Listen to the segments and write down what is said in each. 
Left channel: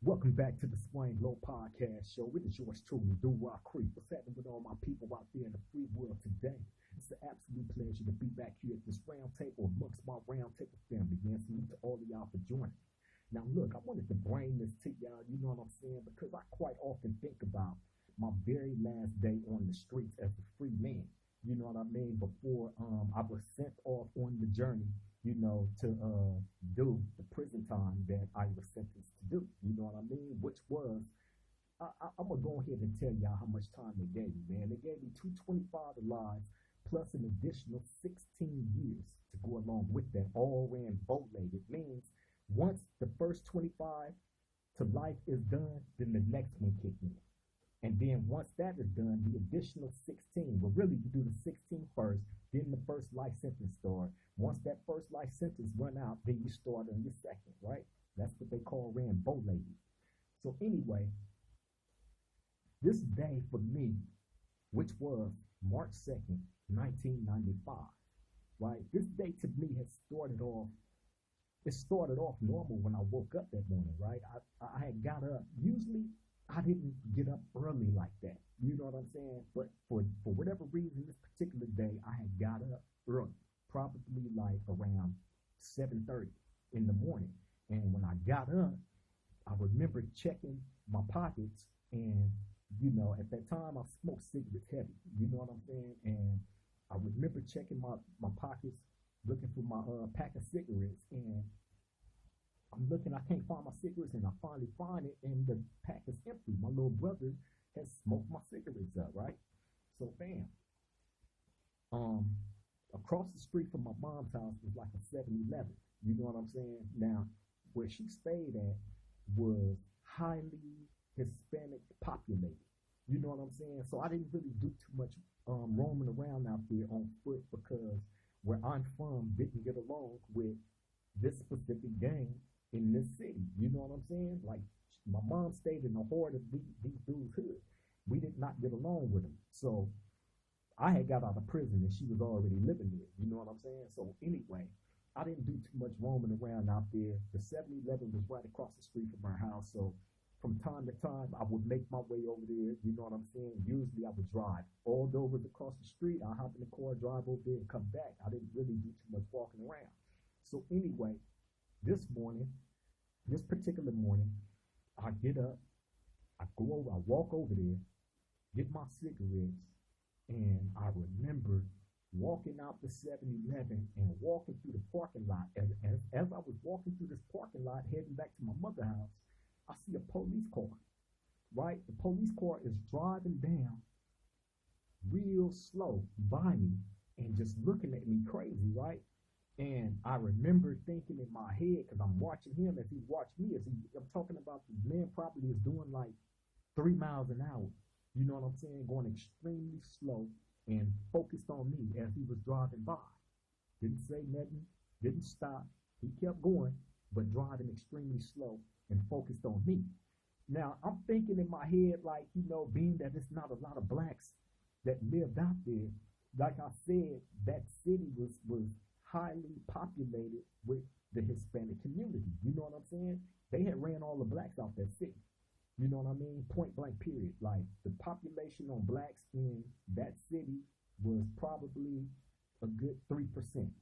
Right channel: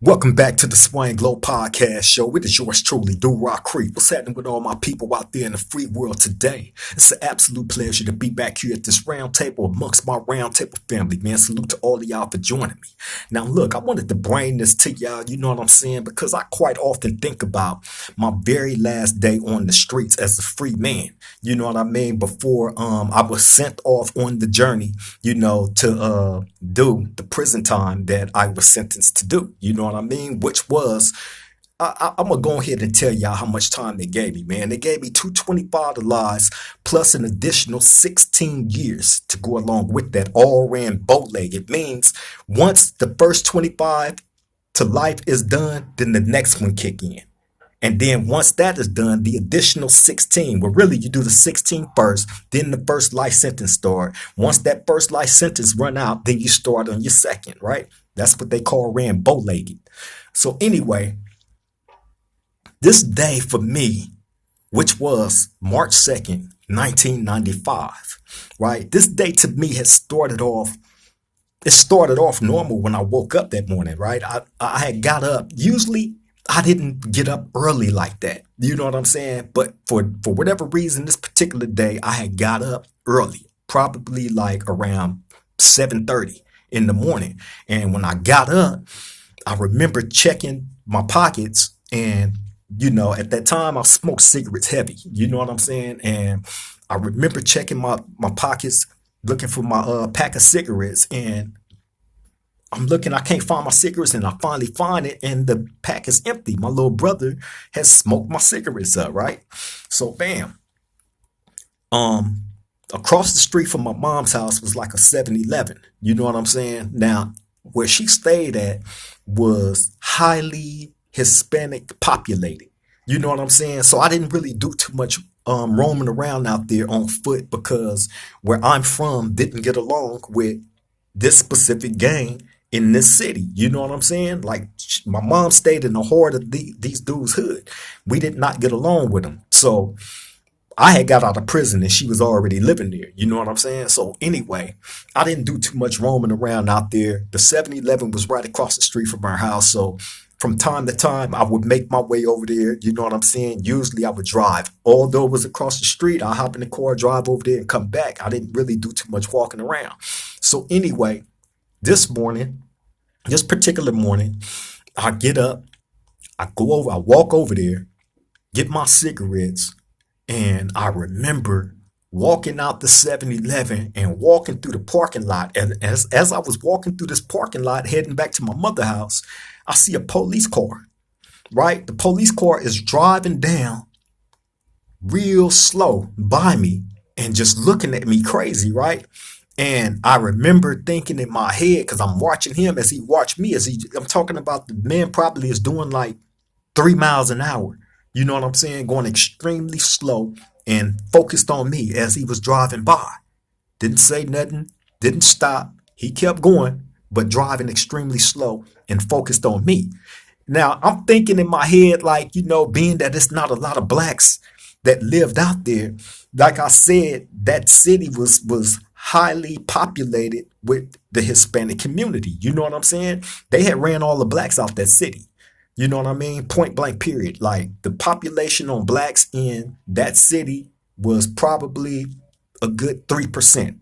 Welcome back to the Swing Glow Podcast Show. It is yours truly, Do Rock Creek. What's happening with all my people out there in the free world today? It's an absolute pleasure to be back here at this round table amongst my round table family, man. Salute to all of y'all for joining me. Now, look, I wanted to bring this to y'all, you know what I'm saying? Because I quite often think about my very last day on the streets as a free man. You know what I mean? Before I was sent off on the journey, to do the prison time that I was sentenced to do. You know what I mean? Which was, I'm gonna go ahead and tell y'all how much time they gave me, man. They gave me 225 to lives plus an additional 16 years to go along with that. All ran bow leg. It means once the first 25 to life is done, then the next one kick in. And then once that is done, the additional 16, well, really you do the 16 first, then the first life sentence start. Once that first life sentence run out, then you start on your second, right? That's what they call ran bow-legged. So anyway, this day for me, which was March 2nd, 1995, right? This day to me has it started off normal when I woke up that morning, right? I had got up. Usually I didn't get up early like that. You know what I'm saying? But for whatever reason, this particular day, I had got up early, probably like around 7:30 in the morning. And when I got up, I remember checking my pockets and at that time I smoked cigarettes heavy. You know what I'm saying? And I remember checking my pockets, looking for my pack of cigarettes, and I'm looking, I can't find my cigarettes, and I finally find it, and the pack is empty. My little brother has smoked my cigarettes up, right? So bam. Um, Across the street from my mom's house was like a 7-Eleven. You know what I'm saying? Now, where she stayed at was highly Hispanic populated. You know what I'm saying? So I didn't really do too much roaming around out there on foot because where I'm from didn't get along with this specific gang in this city. You know what I'm saying? Like my mom stayed in the heart of these dudes' hood. We did not get along with them. So I had got out of prison and she was already living there. You know what I'm saying? So anyway, I didn't do too much roaming around out there. The 7-Eleven was right across the street from our house. So from time to time, I would make my way over there. You know what I'm saying? Usually I would drive. Although it was across the street, I hop in the car, drive over there and come back. I didn't really do too much walking around. So anyway, this morning, this particular morning, I get up, I walk over there, get my cigarettes, and I remember walking out the 7-Eleven and walking through the parking lot. And as I was walking through this parking lot, heading back to my mother's house, I see a police car, right? The police car is driving down real slow by me and just looking at me crazy, right? And I remember thinking in my head, because I'm watching him as he watched me, I'm talking about the man probably is doing like 3 miles an hour. You know what I'm saying? Going extremely slow and focused on me as he was driving by. Didn't say nothing, didn't stop. He kept going, but driving extremely slow and focused on me. Now, I'm thinking in my head, like, being that it's not a lot of blacks that lived out there, like I said, that city was highly populated with the Hispanic community. You know what I'm saying? They had ran all the blacks out that city. You know what I mean? Point blank, period. Like the population on blacks in that city was probably a good 3%.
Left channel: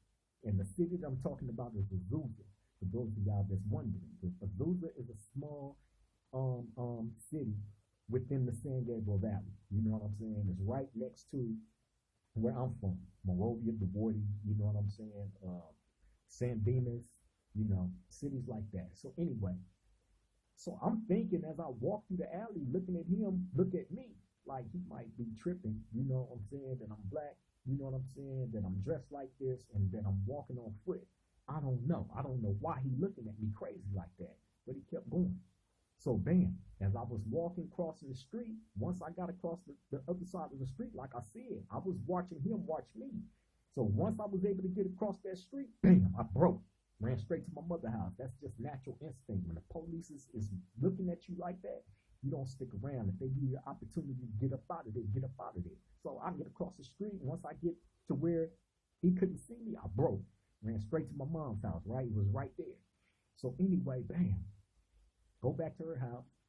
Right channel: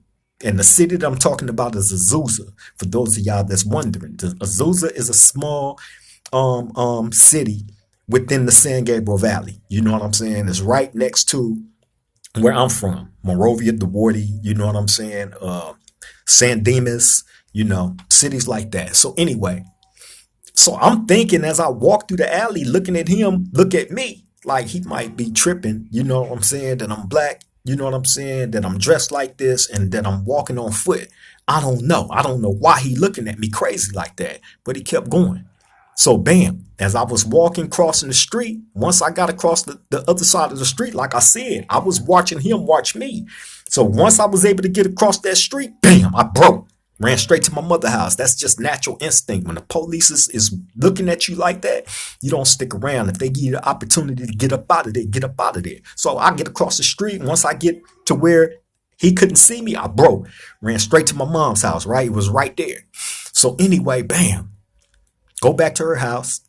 And the city that I'm talking about is Azusa. For those of y'all that's wondering, Azusa is a small city within the San Gabriel Valley. You know what I'm saying? It's right next to where I'm from, Monrovia, DeWardy, you know what I'm saying? San Dimas, cities like that. So anyway, so I'm thinking as I walk through the alley, looking at him, look at me, like he might be tripping, you know what I'm saying? That I'm black, you know what I'm saying? That I'm dressed like this and that I'm walking on foot. I don't know. I don't know why he looking at me crazy like that, but he kept going. So bam, as I was walking, crossing the street, once I got across the other side of the street, like I said, I was watching him watch me. So once I was able to get across that street, bam, I broke. Ran straight to my mother's house. That's just natural instinct. When the police is looking at you like that, you don't stick around. If they give you the opportunity to get up out of there, get up out of there. So I get across the street. Once I get to where he couldn't see me, I broke. Ran straight to my mom's house, right? It was right there. So anyway, bam. Go back to her house.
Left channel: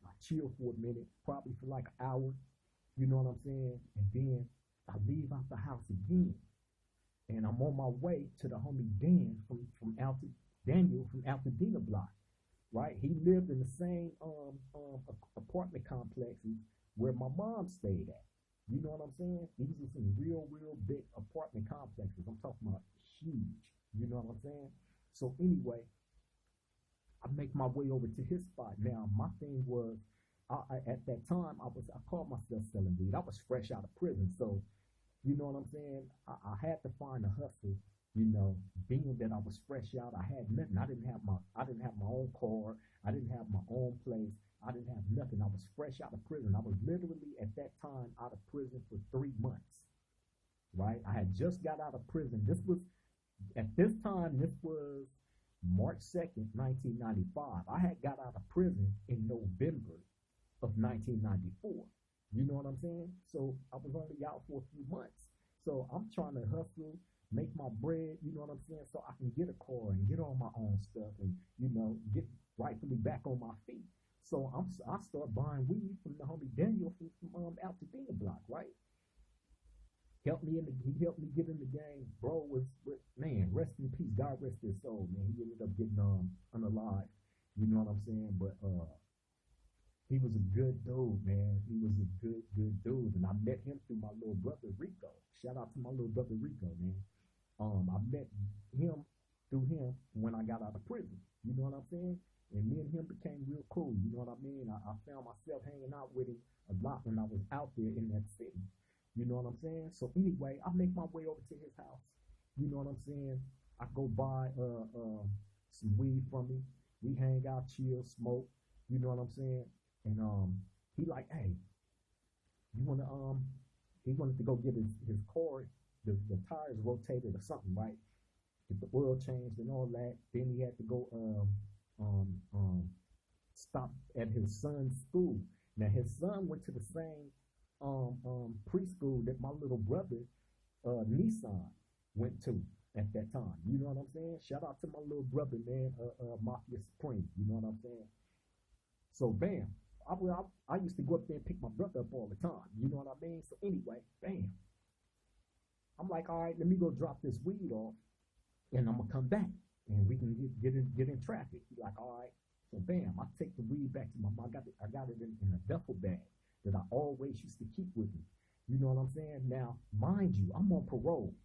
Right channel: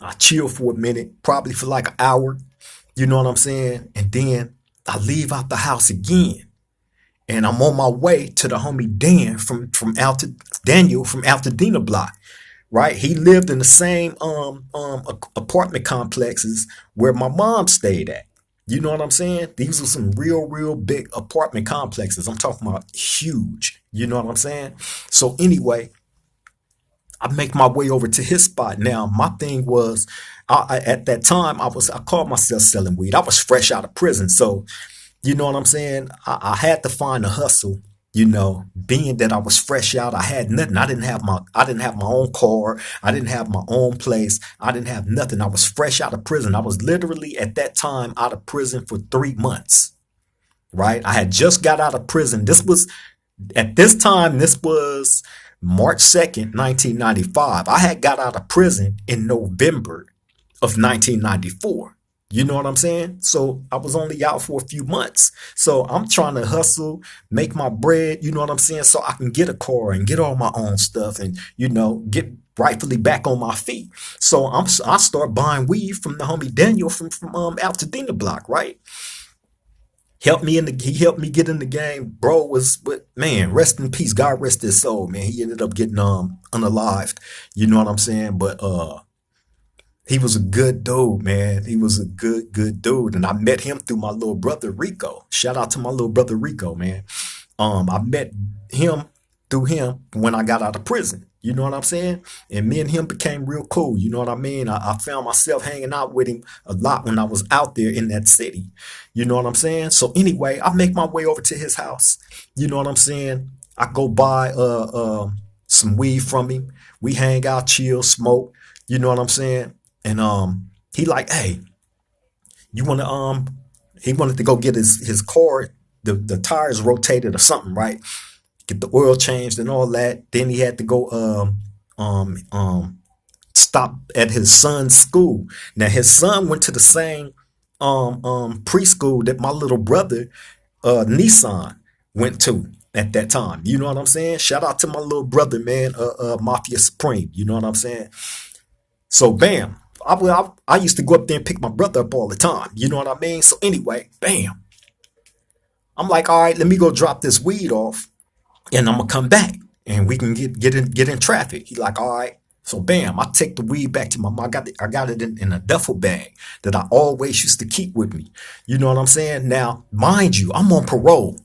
I chill for a minute, probably for like an hour. You know what I'm saying? And then I leave out the house again. And I'm on my way to the homie Dan Daniel from Altadena Block, right? He lived in the same apartment complexes where my mom stayed at. You know what I'm saying? These are some real big apartment complexes. I'm talking about huge. You know what I'm saying? So anyway, I make my way over to his spot. Now, my thing was, at that time, I called myself selling weed. I was fresh out of prison, so you know what I'm saying. I had to find a hustle. Being that I was fresh out, I had nothing. I didn't have my own car. I didn't have my own place. I didn't have nothing. I was fresh out of prison. I was literally at that time out of prison for 3 months. Right? I had just got out of prison. This was March 2nd, 1995. I had got out of prison in November of 1994. You know what I'm saying? So I was only out for a few months. So I'm trying to hustle, make my bread, you know what I'm saying? So I can get a car and get all my own stuff and, get rightfully back on my feet. So I start buying weed from the homie Daniel from Altadena Block, right? He helped me get in the game. Bro was, but man, rest in peace. God rest his soul, man. He ended up getting unalived. You know what I'm saying? But he was a good dude, man. He was a good dude. And I met him through my little brother Rico. Shout out to my little brother Rico, man. I met him through him when I got out of prison. You know what I'm saying? And me and him became real cool. You know what I mean? I found myself hanging out with him a lot when I was out there in that city. You know what I'm saying? So anyway, I make my way over to his house. You know what I'm saying? I go buy some weed from him. We hang out, chill, smoke. You know what I'm saying? And he like, hey, you wanna he wanted to go get his car, the tires rotated or something, right? Get the oil changed and all that. Then he had to go stop at his son's school. Now his son went to the same preschool that my little brother Nissan went to at that time. You know what I'm saying? Shout out to my little brother, man, Mafia Supreme. You know what I'm saying? So bam, I used to go up there and pick my brother up all the time. You know what I mean? So anyway, bam, I'm like, all right, let me go drop this weed off, and I'm gonna come back, and we can get in traffic. He like, all right. So bam, I take the weed back to my mom. I got it in a duffel bag that I always used to keep with me. You know what I'm saying? Now, mind you, I'm on parole.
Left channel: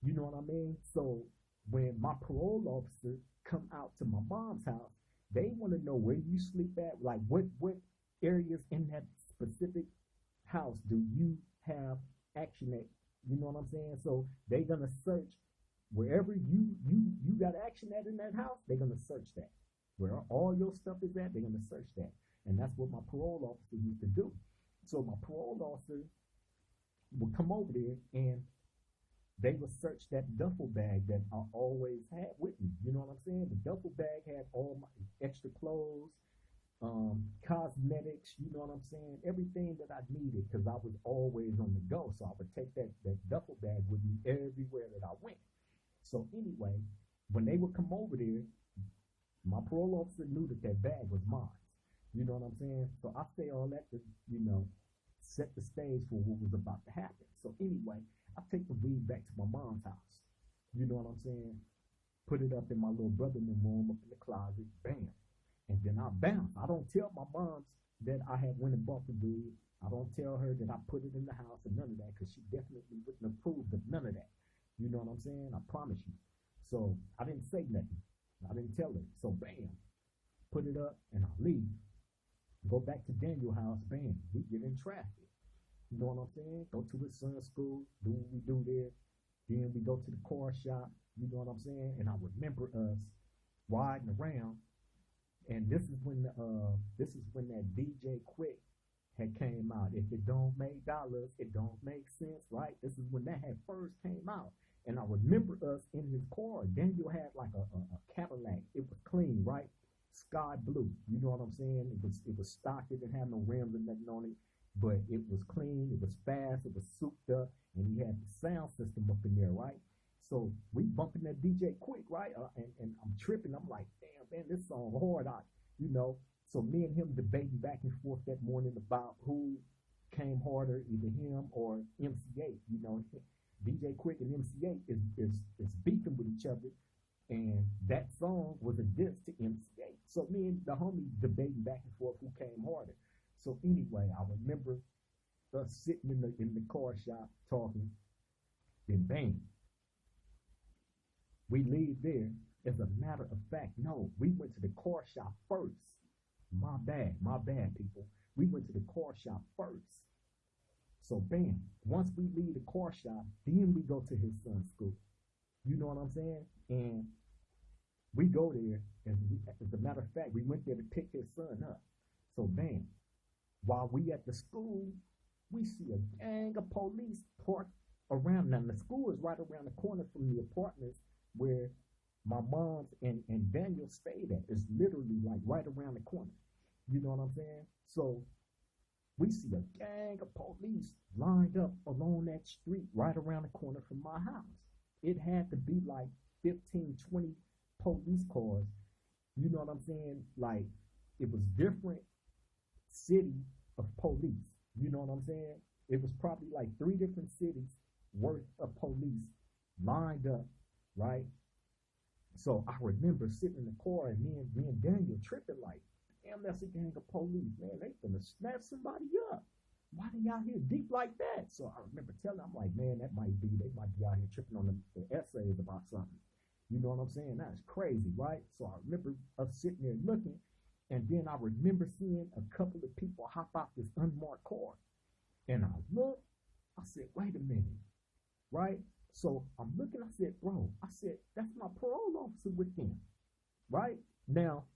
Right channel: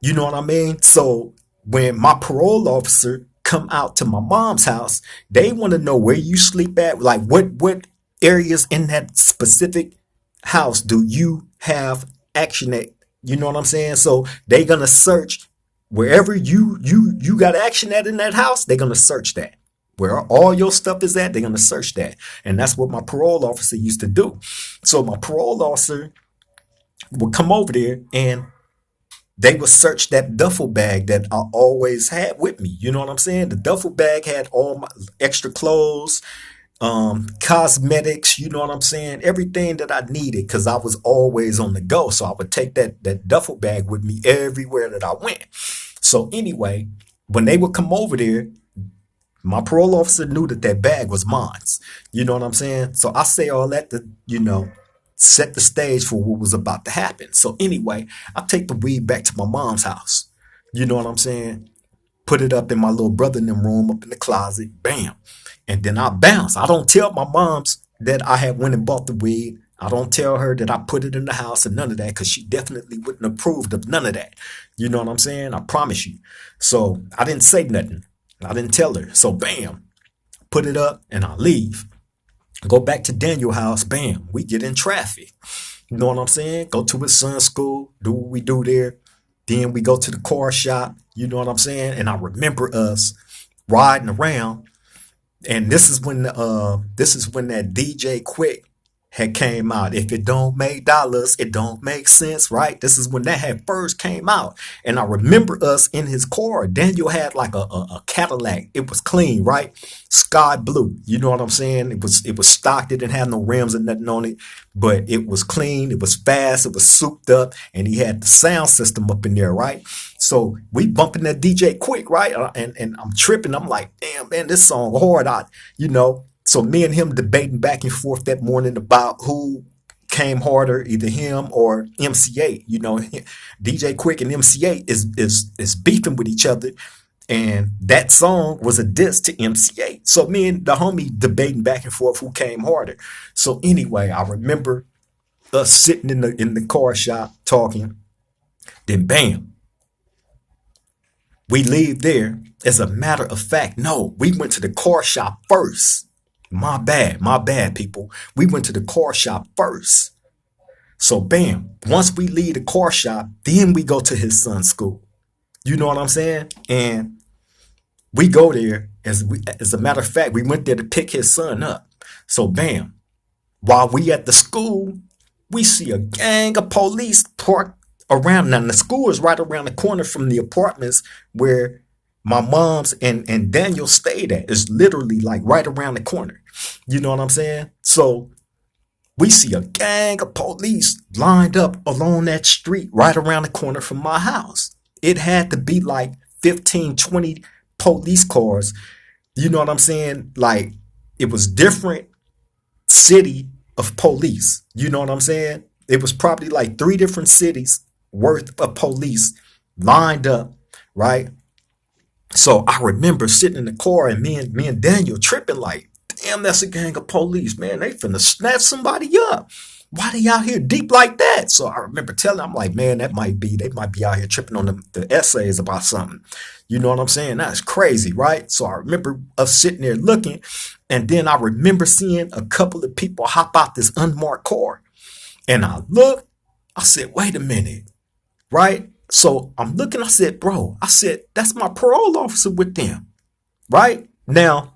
You know what I mean? So when my parole officer come out to my mom's house, they want to know where you sleep at, like what areas in that specific house do you have action at? You know what I'm saying? So they gonna search wherever you got action at in that house. They're gonna search that. Where all your stuff is at, they're gonna search that, and that's what my parole officer used to do. So my parole officer would come over there and they would search that duffel bag that I always had with me. You know what I'm saying? The duffel bag had all my extra clothes, cosmetics, you know what I'm saying? Everything that I needed because I was always on the go. So I would take that duffel bag with me everywhere that I went. So anyway, when they would come over there, my parole officer knew that bag was mine. You know what I'm saying? So I say all that to, set the stage for what was about to happen. So anyway, I take the weed back to my mom's house. You know what I'm saying? Put it up in my little brother in them room, up in the closet, bam. And then I bounce. I don't tell my moms that I had went and bought the weed. I don't tell her that I put it in the house and none of that, because she definitely wouldn't approve of none of that. You know what I'm saying? I promise you. So I didn't say nothing. I didn't tell her. So bam, put it up and I leave. Go back to Daniel's house, bam, we get in traffic. You know what I'm saying? Go to his son's school, do what we do there. Then we go to the car shop, you know what I'm saying? And I remember us riding around. And this is when that DJ Quick had came out. If it don't make dollars, it don't make sense, right? This is when that had first came out. And I remember us in his car. Daniel had like a Cadillac. It was clean, right? Sky blue. You know what I'm saying? It was stocked. It didn't have no rims or nothing on it, but it was clean. It was fast. It was souped up, and he had the sound system up in there, right? So we bumping that DJ Quick, right? And I'm tripping. I'm like, damn, man, this song hard. So me and him debating back and forth that morning about who came harder, either him or MC8. DJ Quick and MC8 is beefing with each other, and that song was a diss to MC8. So me and the homie debating back and forth who came harder. So anyway, I remember us sitting in the car shop talking. Then bam, we leave there. As a matter of fact, no, we went to the car shop first. My bad, people. We went to the car shop first. So bam, once we leave the car shop, then we go to his son's school. You know what I'm saying? And we go there. As a matter of fact, we went there to pick his son up. So bam, while we at the school, we see a gang of police parked around. Now the school is right around the corner from the apartments where my mom's and Daniel stayed at. Is literally like right around the corner. You know what I'm saying? So we see a gang of police lined up along that street right around the corner from my house. It had to be like 15, 20 police cars. You know what I'm saying? Like, it was different city of police. You know what I'm saying? It was probably like 3 different cities worth of police lined up, right? So I remember sitting in the car and me and Daniel tripping like, damn, that's a gang of police, man. They finna snatch somebody up. Why they out here deep like that? So I remember telling them, I'm like, man, they might be out here tripping on the essays about something. You know what I'm saying? That's crazy, right? So I remember us sitting there looking, and then I remember seeing a couple of people hop out this unmarked car. And I looked, I said, wait a minute, right? So I'm looking, I said, bro, that's my parole officer with them, right? Now,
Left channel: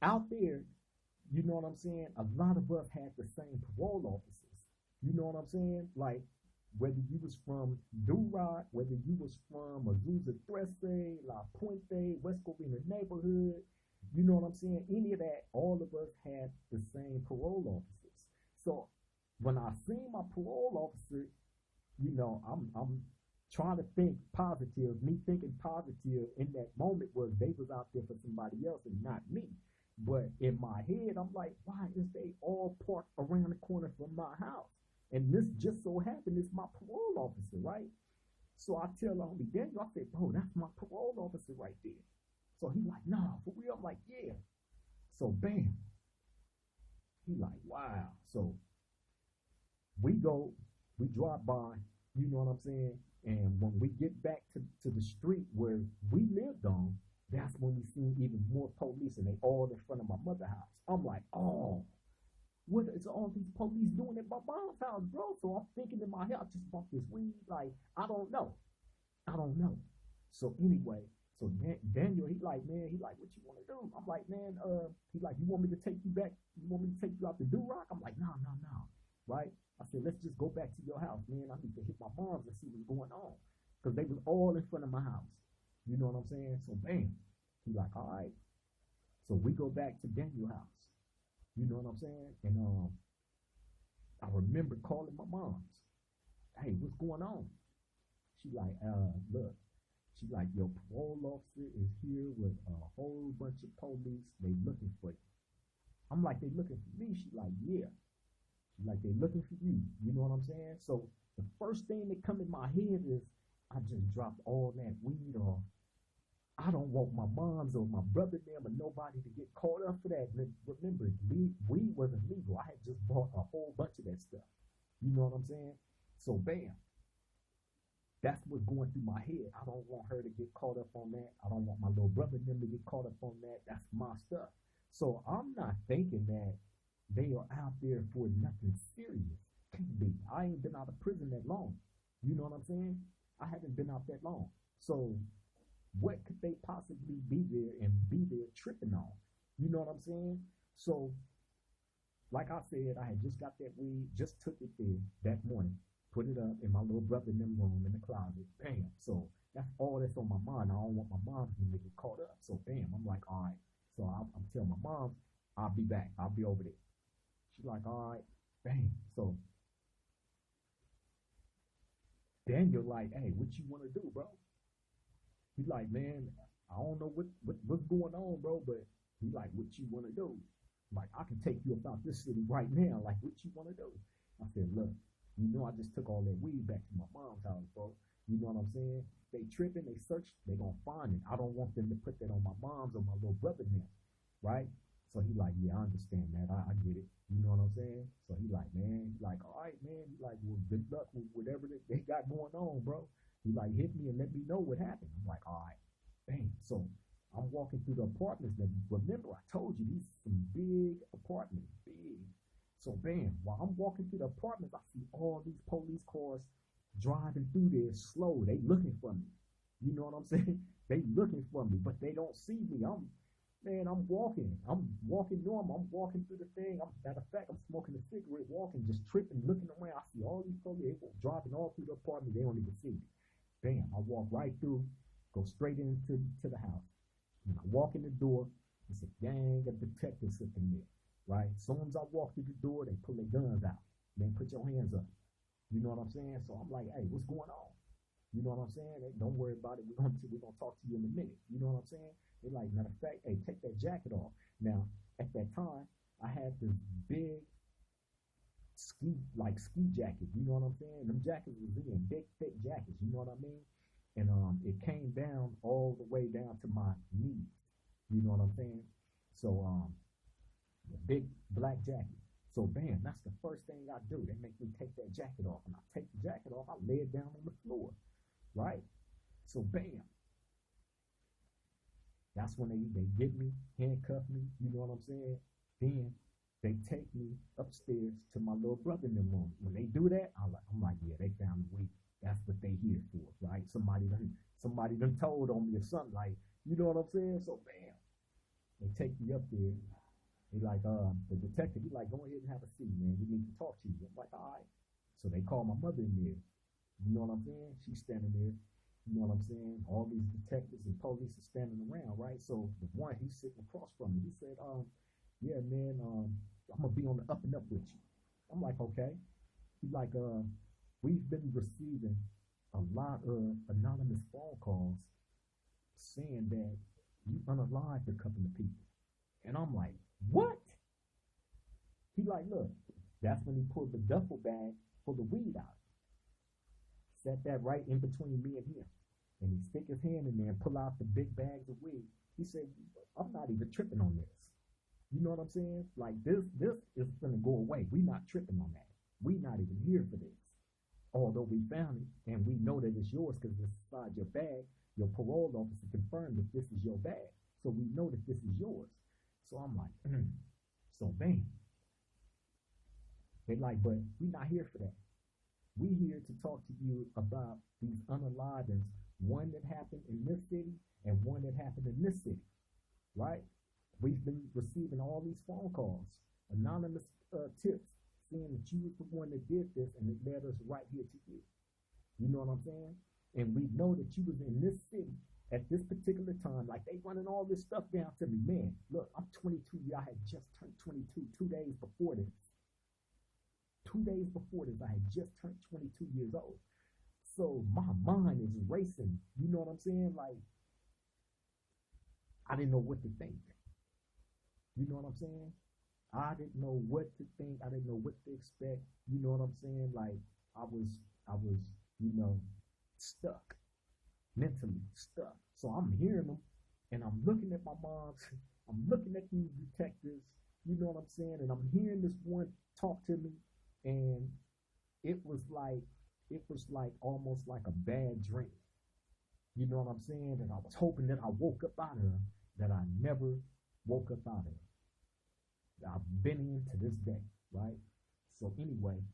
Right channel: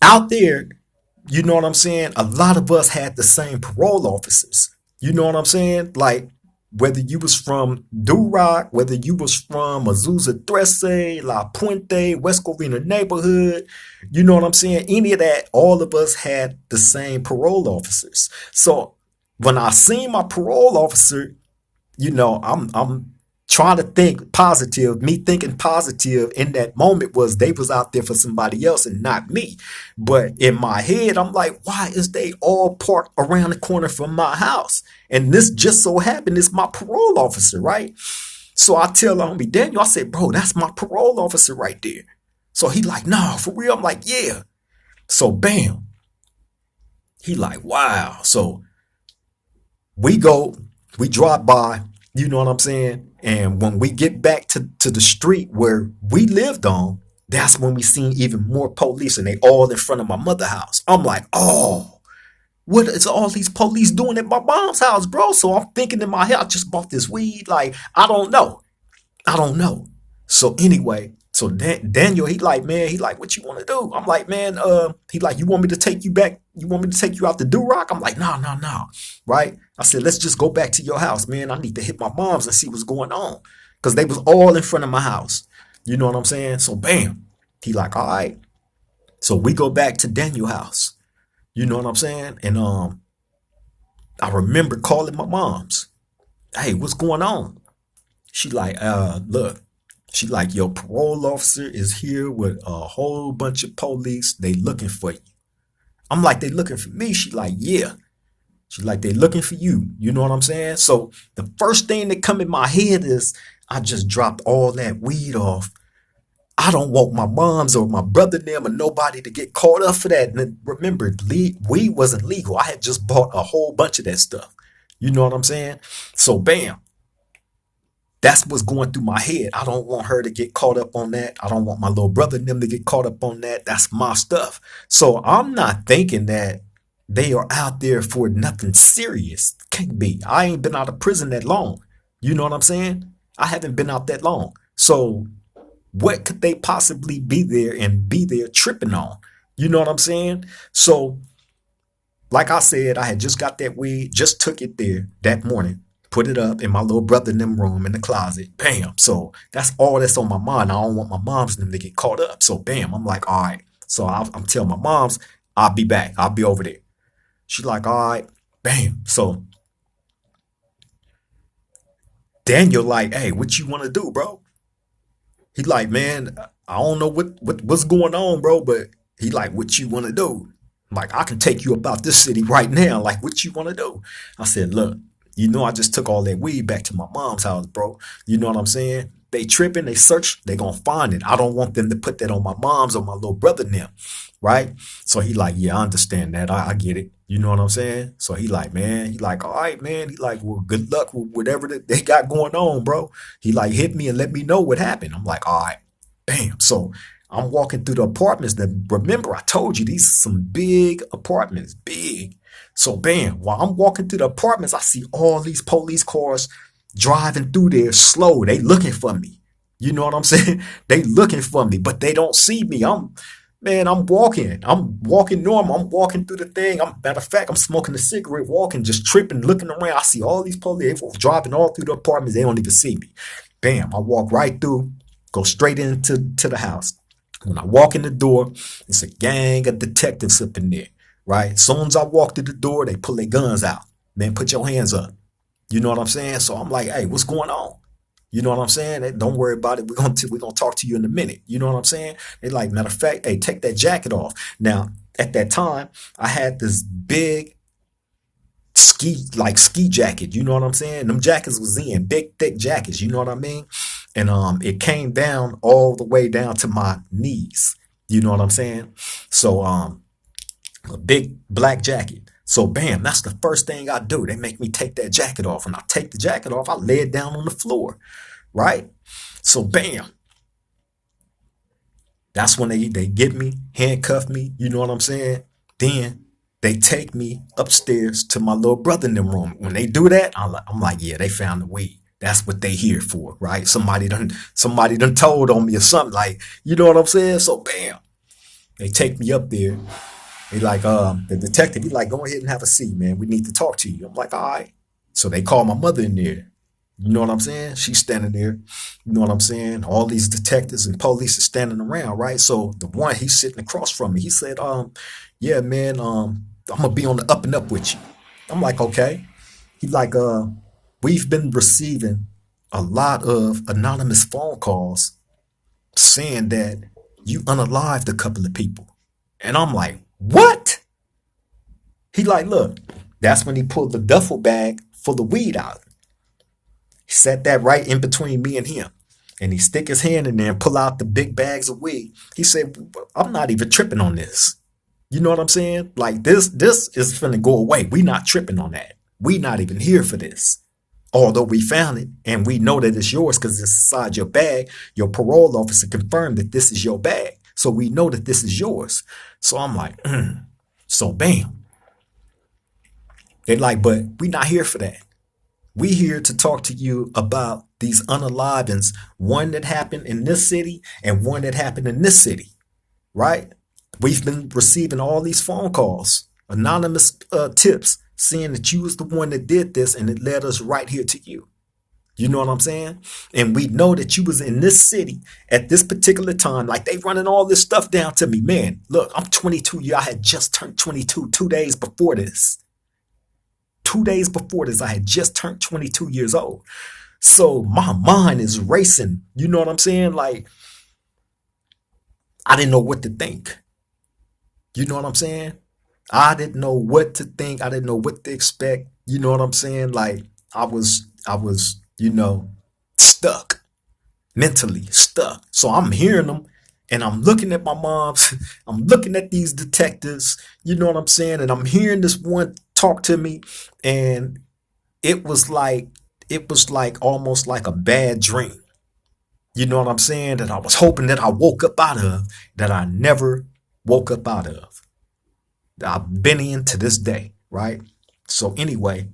out there, you know what I'm saying? A lot of us had the same parole officers. You know what I'm saying? Like, whether you was from Duroc, whether you was from Azusa Trece, La Puente, West Covina neighborhood, you know what I'm saying? Any of that, all of us had the same parole officers. So when I seen my parole officer, I'm trying to think positive. Me thinking positive in that moment was they was out there for somebody else and not me. But in my head, I'm like, why is they all parked around the corner from my house? And this just so happened is my parole officer, right? So I tell homie Daniel, I said, bro, that's my parole officer right there. So he like, nah, for real? I'm like, yeah. So bam. He like, wow. So we drive by, you know what I'm saying? And when we get back to the street where we lived on, that's when we seen even more police, and they all in front of my mother's house. I'm like, oh, what is all these police doing at my mom's house, bro? So I'm thinking in my head, I just bought this weed. Like, I don't know. So anyway, so Daniel, he like, man, he like, what you want to do? I'm like, man, he like, you want me to take you back? You want me to take you out to Duroc? I'm like, no, right? I said, let's just go back to your house, man. I need to hit my mom's and see what's going on. Because they was all in front of my house. You know what I'm saying? So bam, he like, all right. So we go back to Daniel's house. You know what I'm saying? And I remember calling my mom's. Hey, what's going on? She like, look. She like, your parole officer is here with a whole bunch of police. They looking for you. I'm like, they looking for me? She like, yeah. She like, they looking for you. You know what I'm saying? So the first thing that come in my head is, I just dropped all that weed off. I don't want my moms or my brother and them or nobody to get caught up for that. And remember, weed wasn't legal. I had just bought a whole bunch of that stuff. You know what I'm saying? So bam. That's what's going through my head. I don't want her to get caught up on that. I don't want my little brother and them to get caught up on that. That's my stuff. So I'm not thinking that they are out there for nothing serious. Can't be. I ain't been out of prison that long. You know what I'm saying? I haven't been out that long. So what could they possibly be there tripping on? You know what I'm saying? So Like I said, I had just got that weed, just took it there that morning, put it up in my little brother in them room in the closet. Bam. So that's all that's on my mind. I don't want my moms and them to get caught up. So bam, I'm like, all right. So I'm telling my moms, I'll be back. I'll be over there. She's like, all right, bam. So Daniel like, hey, what you want to do, bro? He like, man, I don't know what's going on, bro, but he like, what you want to do? Like, I can take you about this city right now. Like, what you want to do? I said, look, I just took all that weed back to my mom's house, bro. You know what I'm saying? They tripping, they search, they gonna find it. I don't want them to put that on my mom's or my little brother now, right? So he like, yeah, I understand that. I get it. You know what I'm saying? So he like, man, he like, all right, man. He like, well, good luck with whatever that they got going on, bro. He like, hit me and let me know what happened. I'm like, all right, bam. So I'm walking through the apartments. That remember, I told you these are some big apartments, big. So bam, while I'm walking through the apartments, I see all these police cars driving through there slow. They looking for me. You know what I'm saying? They looking for me, but they don't see me. I'm walking. I'm walking normal. I'm walking through the thing. Matter of fact, I'm smoking a cigarette, walking, just tripping, looking around. I see all these police driving all through the apartments. They don't even see me. Bam, I walk right through, go straight into the house. When I walk in the door, it's a gang of detectives up in there, right? As soon as I walk through the door, they pull their guns out. Man, put your hands up. You know what I'm saying? So I'm like, hey, what's going on? You know what I'm saying? Hey, don't worry about it. We're gonna talk to you in a minute. You know what I'm saying? They like, matter of fact, hey, take that jacket off. Now, at that time, I had this big ski jacket. You know what I'm saying? Them jackets was in big, thick jackets. You know what I mean? And it came down all the way down to my knees. You know what I'm saying? So a big black jacket. So bam, that's the first thing I do. They make me take that jacket off. When I take the jacket off, I lay it down on the floor, right? So bam, that's when they get me, handcuff me, you know what I'm saying? Then they take me upstairs to my little brother in the room. When they do that, I'm like, yeah, they found the weed. That's what they here for, right? Somebody done told on me or something, like, you know what I'm saying? So bam, they take me up there. They like, the detective, he like, go ahead and have a seat, man. We need to talk to you. I'm like, all right. So they call my mother in there. You know what I'm saying? She's standing there. You know what I'm saying? All these detectives and police are standing around, right? So the one, he's sitting across from me. He said, yeah, man, I'm gonna be on the up and up with you. I'm like, okay. He like, we've been receiving a lot of anonymous phone calls saying that you unalived a couple of people. And I'm like, what? He like, look, that's when he pulled the duffel bag full of weed out. He set that right in between me and him. And he stick his hand in there and pull out the big bags of weed. He said, I'm not even tripping on this. You know what I'm saying? Like this is finna go away. We not tripping on that. We not even here for this. Although we found it and we know that it's yours because it's inside your bag, your parole officer confirmed that this is your bag. So we know that this is yours. So I'm like, so bam. They're like, but we not here for that. We here to talk to you about these unalivings, one that happened in this city and one that happened in this city, right? We've been receiving all these phone calls, anonymous tips, saying that you was the one that did this and it led us right here to you. You know what I'm saying? And we know that you was in this city at this particular time. Like they running all this stuff down to me. Man, look, I'm 22. I had just turned 22 2 days before this. 2 days before this, I had just turned 22 years old. So my mind is racing. You know what I'm saying? Like, I didn't know what to think. You know what I'm saying? I didn't know what to think. I didn't know what to expect. You know what I'm saying? Like, I was, stuck, mentally stuck. So I'm hearing them and I'm looking at my moms. I'm looking at these detectives. You know what I'm saying? And I'm hearing this one talk to me. And it was like almost like a bad dream. You know what I'm saying? That I was hoping that I woke up out of, that I never woke up out of. I've been in to this day, right? So anyway,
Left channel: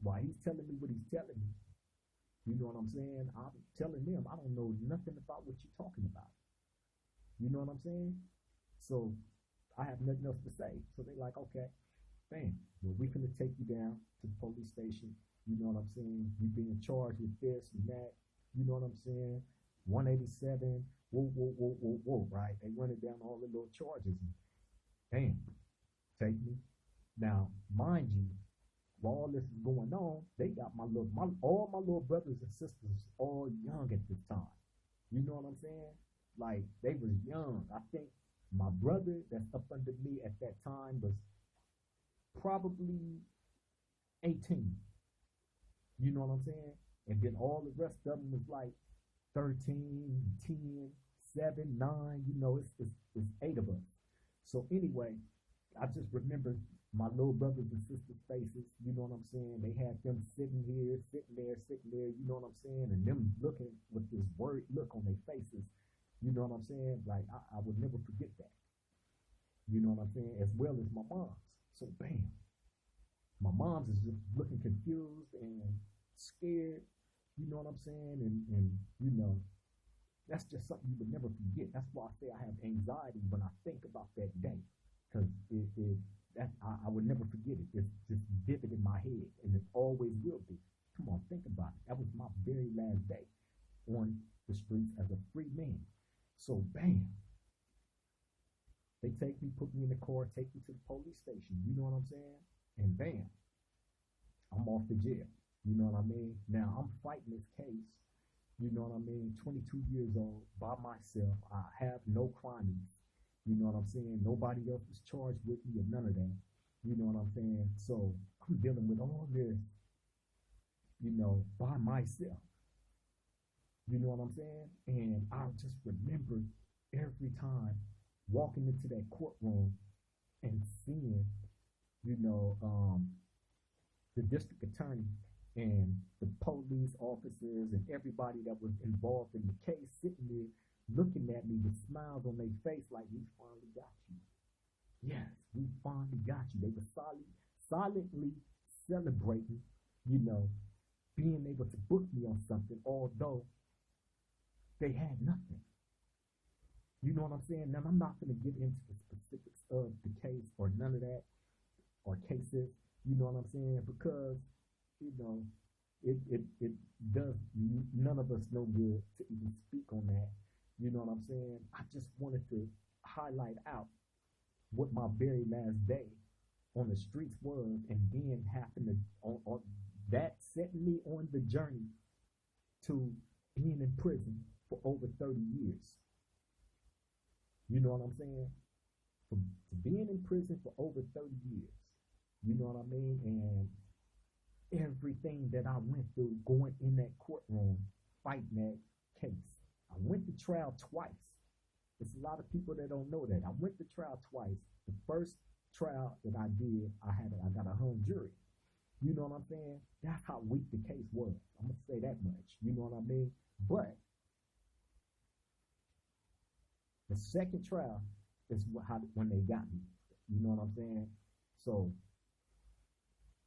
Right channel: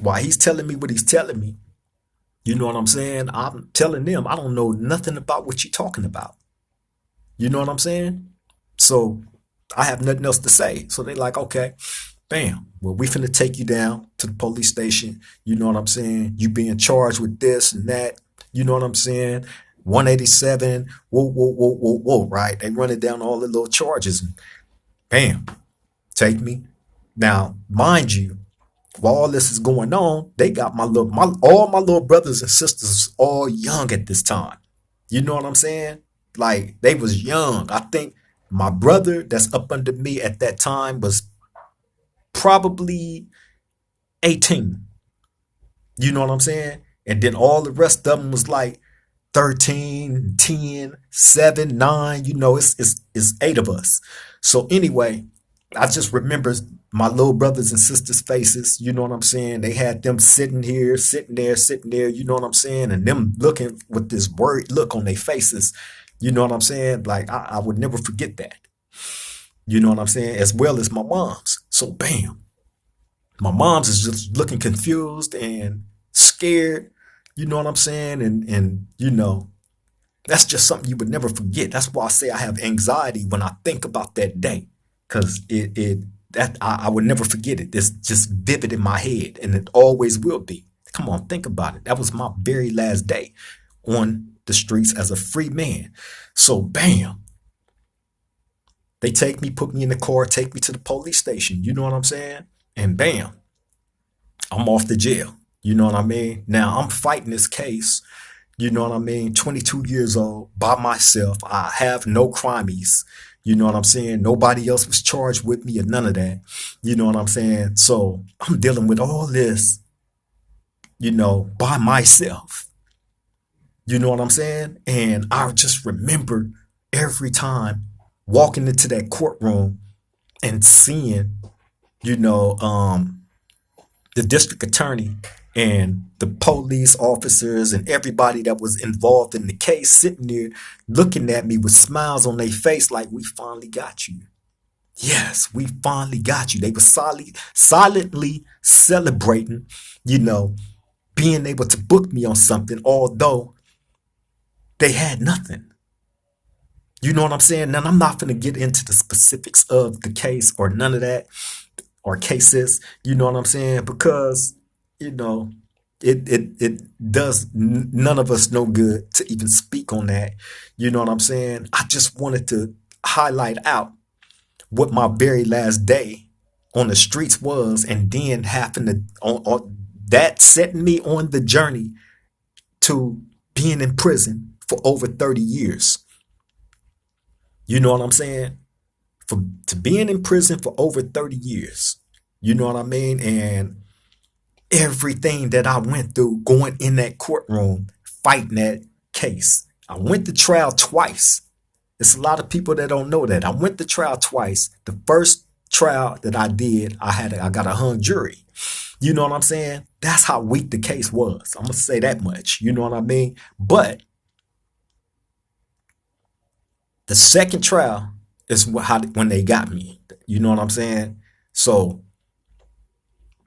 while he's telling me what he's telling me, you know what I'm saying? I'm telling them I don't know nothing about what you're talking about. You know what I'm saying? So I have nothing else to say. So they like, okay, bam. Well, we finna take you down to the police station. You know what I'm saying? You being charged with this and that. You know what I'm saying? 187. Whoa, whoa, whoa, whoa, whoa. Right? They running down all the little charges and bam, take me. Now, mind you, while all this is going on, they got all my little brothers and sisters all young at this time. You know what I'm saying? Like they was young. I think my brother that's up under me at that time was probably 18. You know what I'm saying? And then all the rest of them was like 13, 10, 7, 9. You know, it's eight of us. So anyway, I just remember my little brothers and sisters' faces. You know what I'm saying? They had them sitting here, sitting there, sitting there. You know what I'm saying? And them looking with this worried look on their faces. You know what I'm saying? Like I would never forget that. You know what I'm saying? As well as my mom's. So bam, my mom's is just looking confused and scared. You know what I'm saying? And you know, that's just something you would never forget. That's why I say I have anxiety when I think about that day, because I would never forget it. It's just vivid in my head, and it always will be. Come on, think about it. That was my very last day on the streets as a free man. So bam, they take me, put me in the car, take me to the police station. You know what I'm saying? And bam, I'm off to jail. You know what I mean? Now I'm fighting this case. You know what I mean? 22 years old by myself. I have no crimes. You know what I'm saying? Nobody else was charged with me or none of that. You know what I'm saying? So I'm dealing with all this, you know, by myself. You know what I'm saying? And I just remember every time walking into that courtroom and seeing, you know, the district attorney and the police officers and everybody that was involved in the case sitting there looking at me with smiles on their face like, we finally got you. Yes, we finally got you. They were silently celebrating, you know, being able to book me on something, although they had nothing. You know what I'm saying? Now, I'm not going to get into the specifics of the case or none of that or cases. You know what I'm saying? Because, you know, it does none of us no good to even speak on that. You know what I'm saying? I just wanted to highlight out what my very last day on the streets was, and then having to on that setting me on the journey to being in prison for over 30 years. You know what I'm saying? For to being in prison for over 30 years. You know what I mean? And everything that I went through going in that courtroom, fighting that case. I went to trial twice. There's a lot of people that don't know that. I went to trial twice. The first trial that I did, I got a hung jury. You know what I'm saying? That's how weak the case was. I'm gonna say that much. You know what I mean? But the second trial is when they got me. You know what I'm saying? So,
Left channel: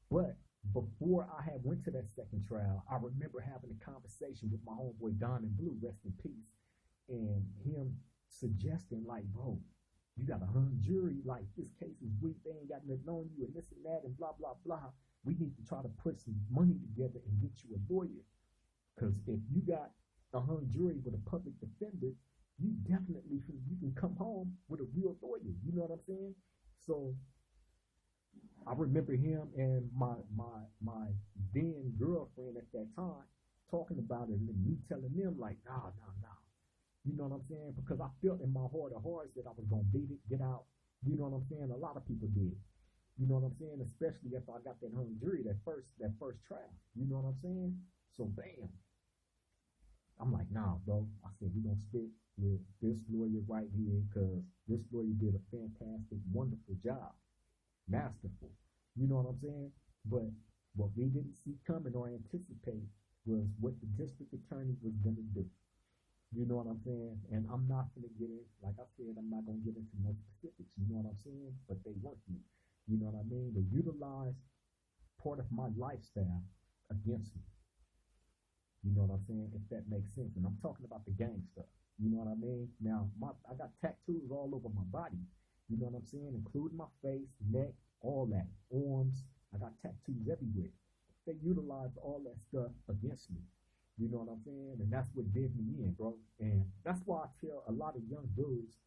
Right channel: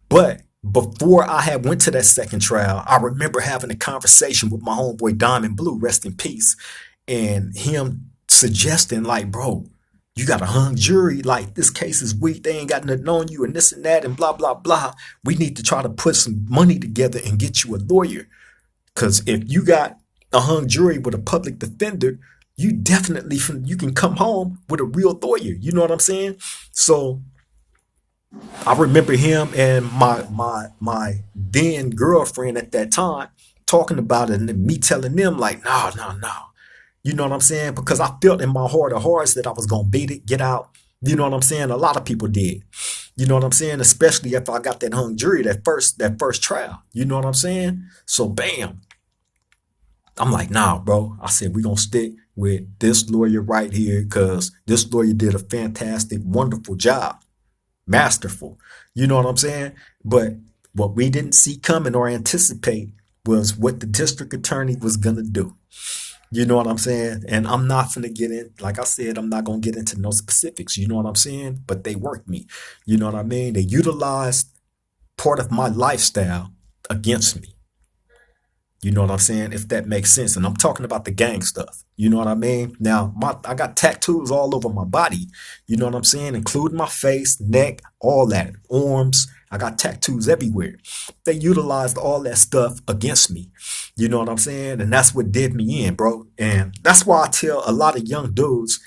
but before I had went to that second trial, I remember having a conversation with my homeboy Diamond Blue, rest in peace, and him suggesting like, bro, you got a hung jury. Like this case is weak. They ain't got nothing on you and this and that and blah, blah, blah. We need to try to put some money together and get you a lawyer. Because if you got a hung jury with a public defender, you definitely you can come home with a real lawyer. You know what I'm saying? So I remember him and my then girlfriend at that time talking about it, and me telling them like, no, no, no. You know what I'm saying? Because I felt in my heart of hearts that I was gonna beat it, get out. You know what I'm saying? A lot of people did. You know what I'm saying? Especially if I got that hung jury that first trial. You know what I'm saying? So bam. I'm like, nah, bro. I said, we're gonna stick with this lawyer right here because this lawyer did a fantastic, wonderful job. Masterful. You know what I'm saying? But what we didn't see coming or anticipate was what the district attorney was gonna do. You know what I'm saying? And I'm not gonna get in, like I said, I'm not gonna get into no specifics. You know what I'm saying? But they worked me. You know what I mean? They utilized part of my lifestyle against me. You know what I'm saying? If that makes sense. And I'm talking about the gang stuff. You know what I mean? Now, I got tattoos all over my body. You know what I'm saying? Including my face, neck, all that. Arms. I got tattoos everywhere. They utilized all that stuff against me. You know what I'm saying? And that's what did me in, bro. And that's why I tell a lot of young dudes,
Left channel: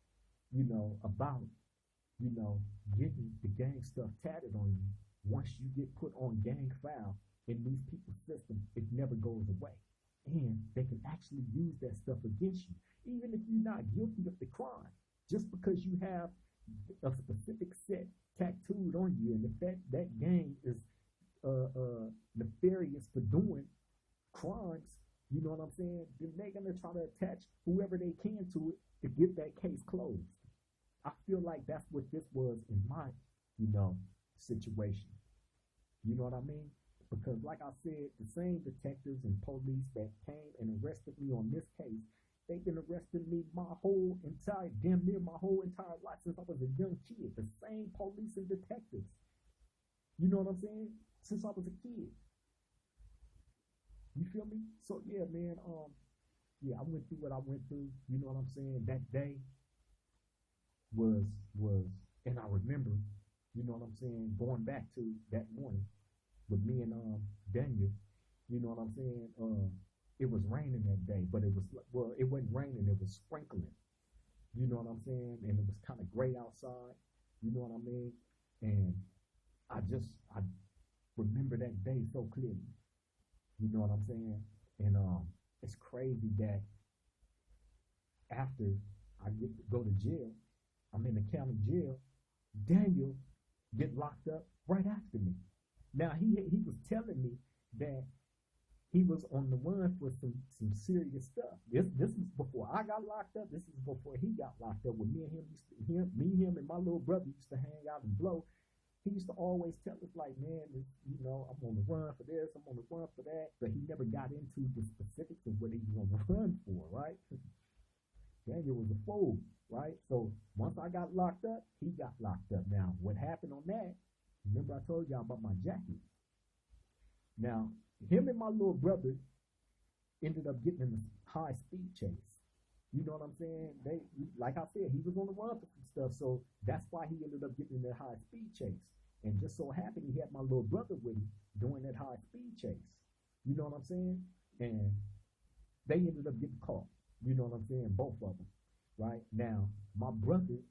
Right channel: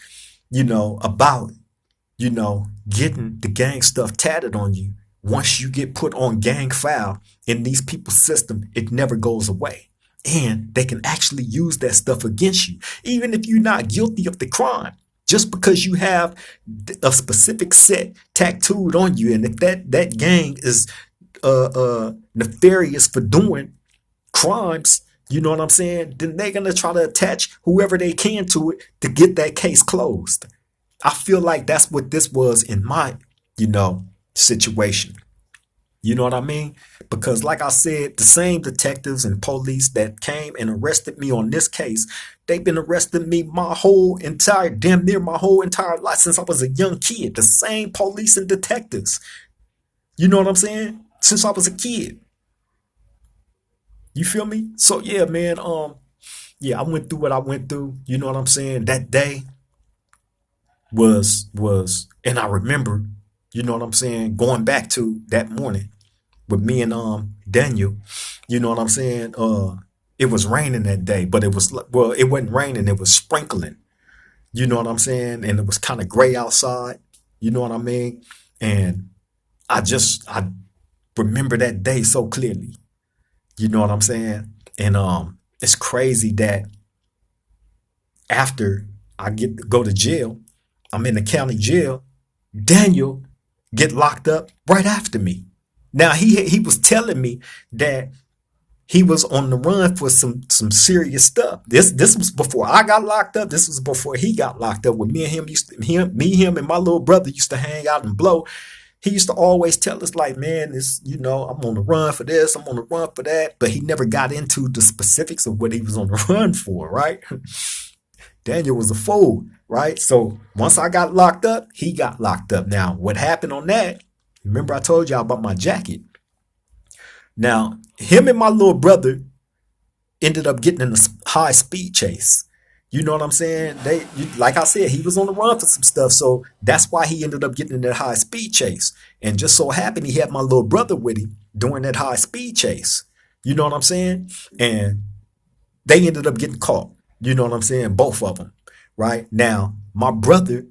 about, getting the gang stuff tatted on you. Once you get put on gang file in these people's system, it never goes away. And they can actually use that stuff against you, even if you're not guilty of the crime. Just because you have a specific set tattooed on you, and if that gang is nefarious for doing crimes, you know what I'm saying, then they're gonna try to attach whoever they can to it to get that case closed. I feel like that's what this was in my, situation. You know what I mean? Because like I said, the same detectives and police that came and arrested me on this case, they've been arresting me damn near my whole entire life since I was a young kid. The same police and detectives. You know what I'm saying? Since I was a kid. You feel me? So yeah, man, yeah, I went through what I went through. You know what I'm saying? That day and I remember, you know what I'm saying, going back to that morning with me and Daniel, you know what I'm saying? It was raining that day, but it wasn't raining, it was sprinkling. You know what I'm saying? And it was kind of gray outside. You know what I mean? And I remember that day so clearly. You know what I'm saying? And it's crazy that after I get to go to jail, I'm in the county jail, Daniel get locked up right after me. Now he was telling me that he was on the run for some serious stuff. This was before I got locked up. This was before he got locked up. When me and him and my little brother used to hang out and blow. He used to always tell us like, man, I'm on the run for this, I'm on the run for that. But he never got into the specifics of what he was on the run for, right? Daniel was a fool, right? So once I got locked up, he got locked up. Now, what happened on that? Remember I told y'all about my jacket. Now, him and my little brother ended up getting in a high speed chase. You know what I'm saying? Like I said, he was on the run for some stuff, so that's why he ended up getting in that high speed chase. And just so happened, he had my little brother with him during that high speed chase. You know what I'm saying? And they ended up getting caught. You know what I'm saying? Both of them. Right now, my brother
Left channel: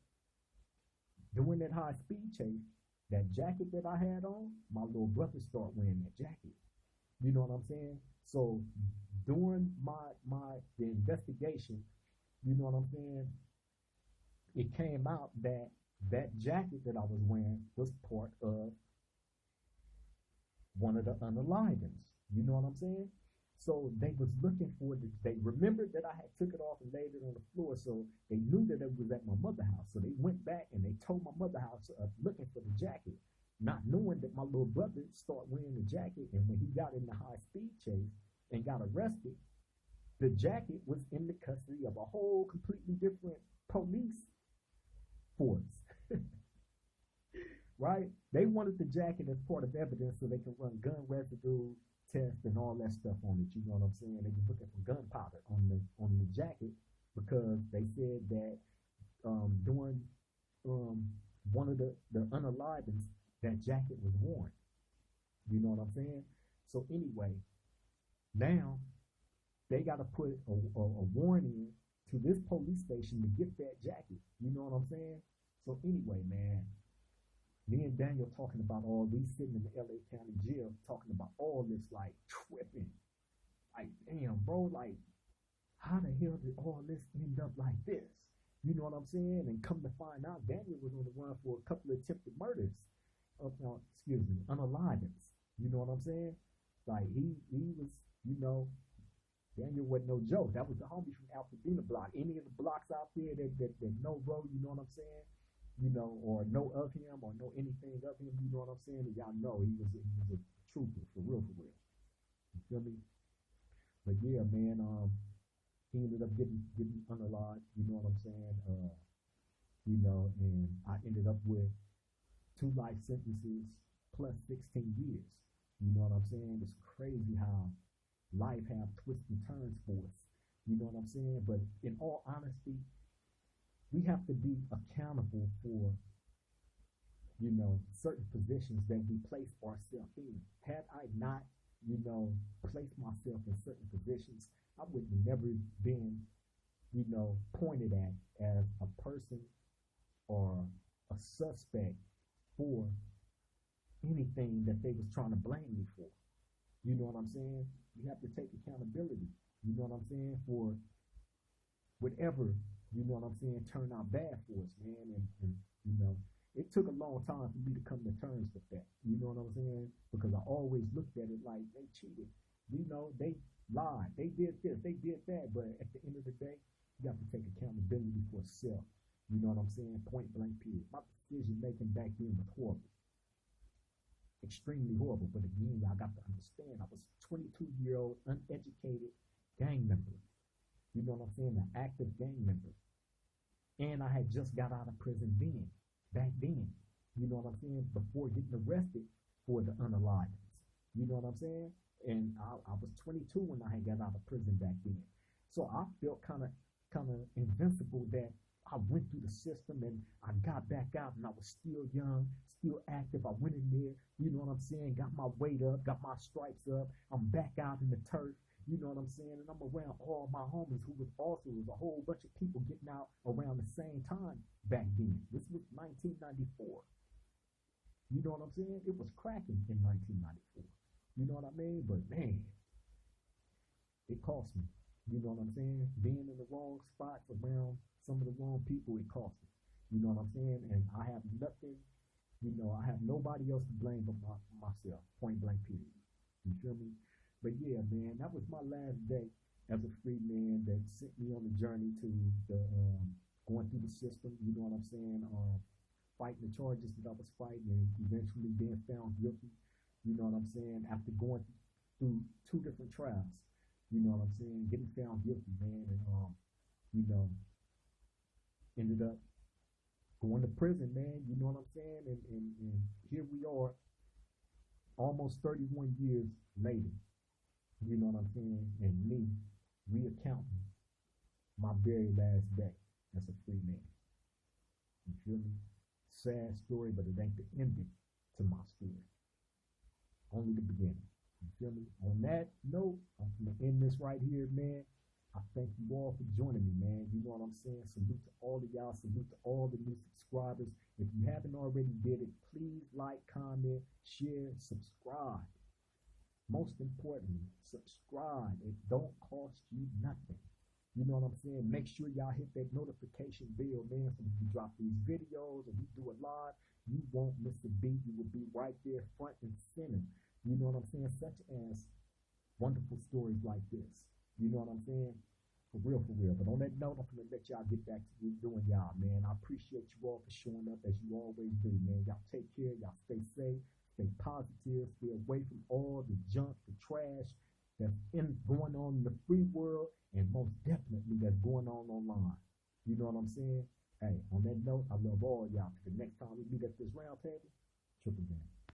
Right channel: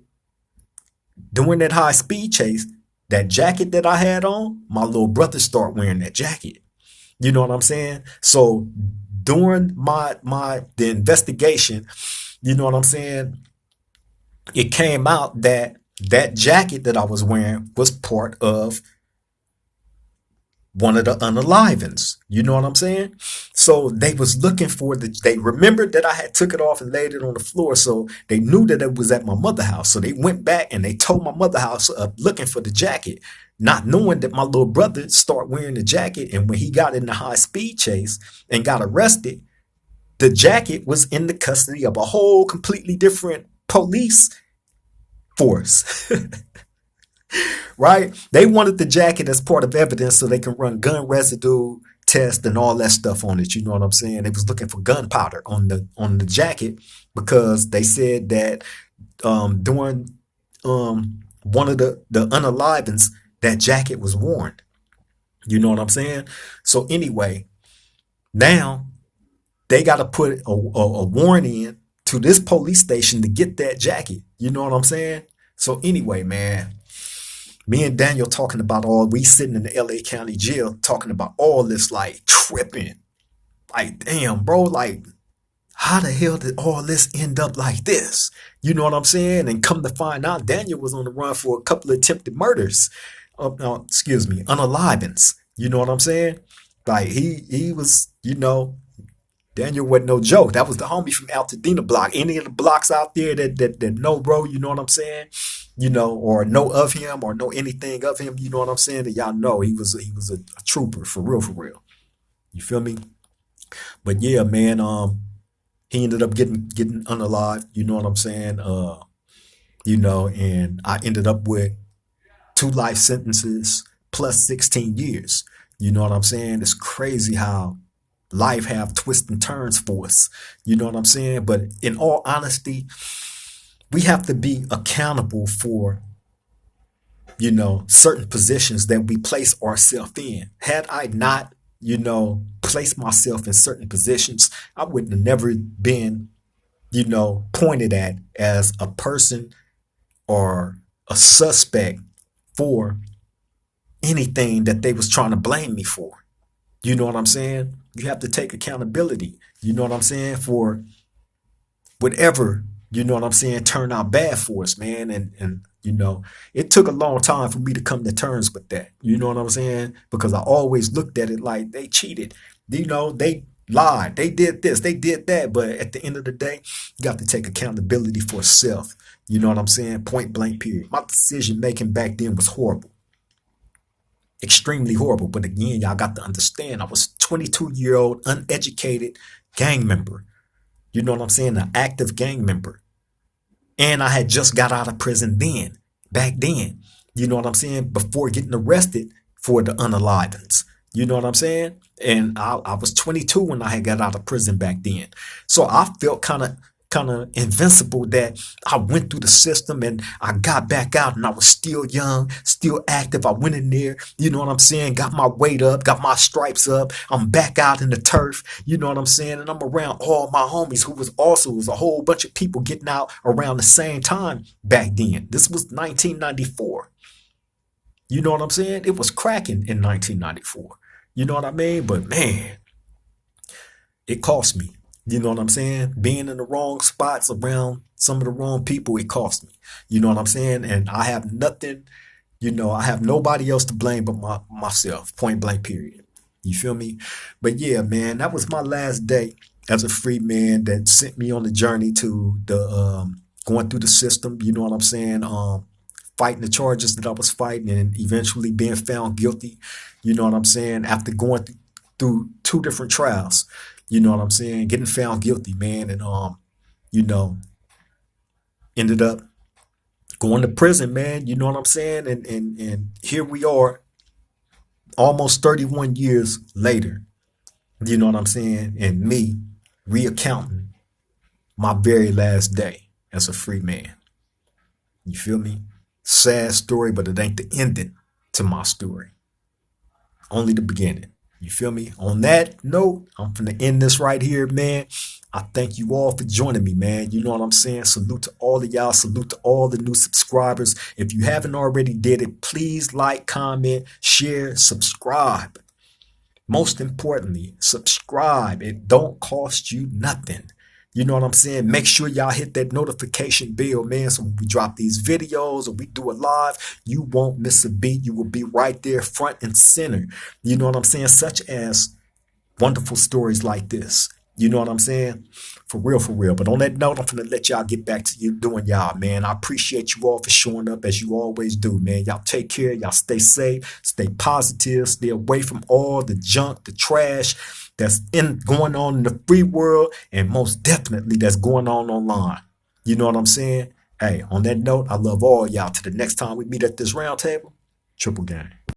during that high speed chase, that jacket that I had on, my little brother started wearing that jacket. You know what I'm saying? So during the investigation, you know what I'm saying, it came out that that jacket that I was wearing was part of one of the unalivens. You know what I'm saying? So they was looking for they remembered that I had took it off and laid it on the floor. So they knew that it was at my mother's house. So they went back and they told my mother's house up looking for the jacket, not knowing that my little brother started wearing the jacket. And when he got in the high speed chase and got arrested, the jacket was in the custody of a whole completely different police force. Right? They wanted the jacket as part of evidence so they can run gun residue test and all that stuff on it. You know what I'm saying? They was looking for gunpowder on the jacket because they said that during one of the unalivens, that jacket was worn. You know what I'm saying? So anyway, now they got to put a warrant in to this police station to get that jacket. You know what I'm saying? So anyway, man, me and Daniel talking about we sitting in the LA County jail talking about all this, like tripping. Like, damn, bro, like, how the hell did all this end up like this? You know what I'm saying? And come to find out, Daniel was on the run for a couple of attempted murders. Unalivens. You know what I'm saying? Like, he was, Daniel wasn't no joke. That was the homie from Altadena block. Any of the blocks out there that know, bro, you know what I'm saying? Or know of him or know anything of him, you know what I'm saying? That y'all know he was a trooper for real, for real. You feel me? But yeah, man, he ended up getting unalived, you know what I'm saying? And I ended up with 2 life sentences plus 16 years. You know what I'm saying? It's crazy how life have twists and turns for us. You know what I'm saying? But in all honesty, we have to be accountable for, certain positions that we place ourselves in. Had I not, placed myself in certain positions, I would have never been, pointed at as a person or a suspect for anything that they was trying to blame me for. You know what I'm saying? You have to take accountability, you know what I'm saying, for whatever, turned out bad for us, man. And it took a long time for me to come to terms with that. You know what I'm saying? Because I always looked at it like they cheated. They lied. They did this, they did that. But at the end of the day, you got to take accountability for self. You know what I'm saying? Point blank, period. My decision making back then was horrible. Extremely horrible. But again, y'all got to understand, I was 22-year-old, uneducated gang member. You know what I'm saying? An active gang member. And I had just got out of prison back then. You know what I'm saying? Before getting arrested for the unalivings. You know what I'm saying? And I was 22 when I had got out of prison back then. So I felt kind of invincible that I went through the system and I got back out and I was still young, still active. I went in there, you know what I'm saying? Got my weight up, got my stripes up. I'm back out in the turf, you know what I'm saying? And I'm around all my homies who was a whole bunch of people getting out around the same time back then. This was 1994. You know what I'm saying? It was cracking in 1994. You know what I mean? But man, it cost me. You know what I'm saying? Being in the wrong spots around some of the wrong people, it cost me. You know what I'm saying? And I have nothing, I have nobody else to blame but myself, point blank, period. You feel me? But yeah, man, that was my last day as a free man that sent me on the journey to the going through the system, you know what I'm saying? Fighting the charges that I was fighting and eventually being found guilty, you know what I'm saying? After going through two different trials. You know what I'm saying? Getting found guilty, man, and you know, ended up going to prison, man. You know what I'm saying? And here we are, almost 31 years later. You know what I'm saying? And me reaccounting my very last day as a free man. You feel me? Sad story, but it ain't the ending to my story. Only the beginning. You feel me? On that note, I'm finna end this right here, man. I thank you all for joining me, man. You know what I'm saying? Salute to all of y'all. Salute to all the new subscribers. If you haven't already did it, please like, comment, share, subscribe. Most importantly, subscribe. It don't cost you nothing. You know what I'm saying? Make sure y'all hit that notification bell, man. So when we drop these videos or we do it live, you won't miss a beat. You will be right there front and center. You know what I'm saying? Such as wonderful stories like this. You know what I'm saying? For real, for real. But on that note, I'm going to let y'all get back to you doing y'all, man. I appreciate you all for showing up as you always do, man. Y'all take care. Y'all stay safe, stay positive, stay away from all the junk, the trash that's going on in the free world, and most definitely that's going on online. You know what I'm saying? Hey, on that note, I love all y'all. Till the next time we meet at this round table, triple gang.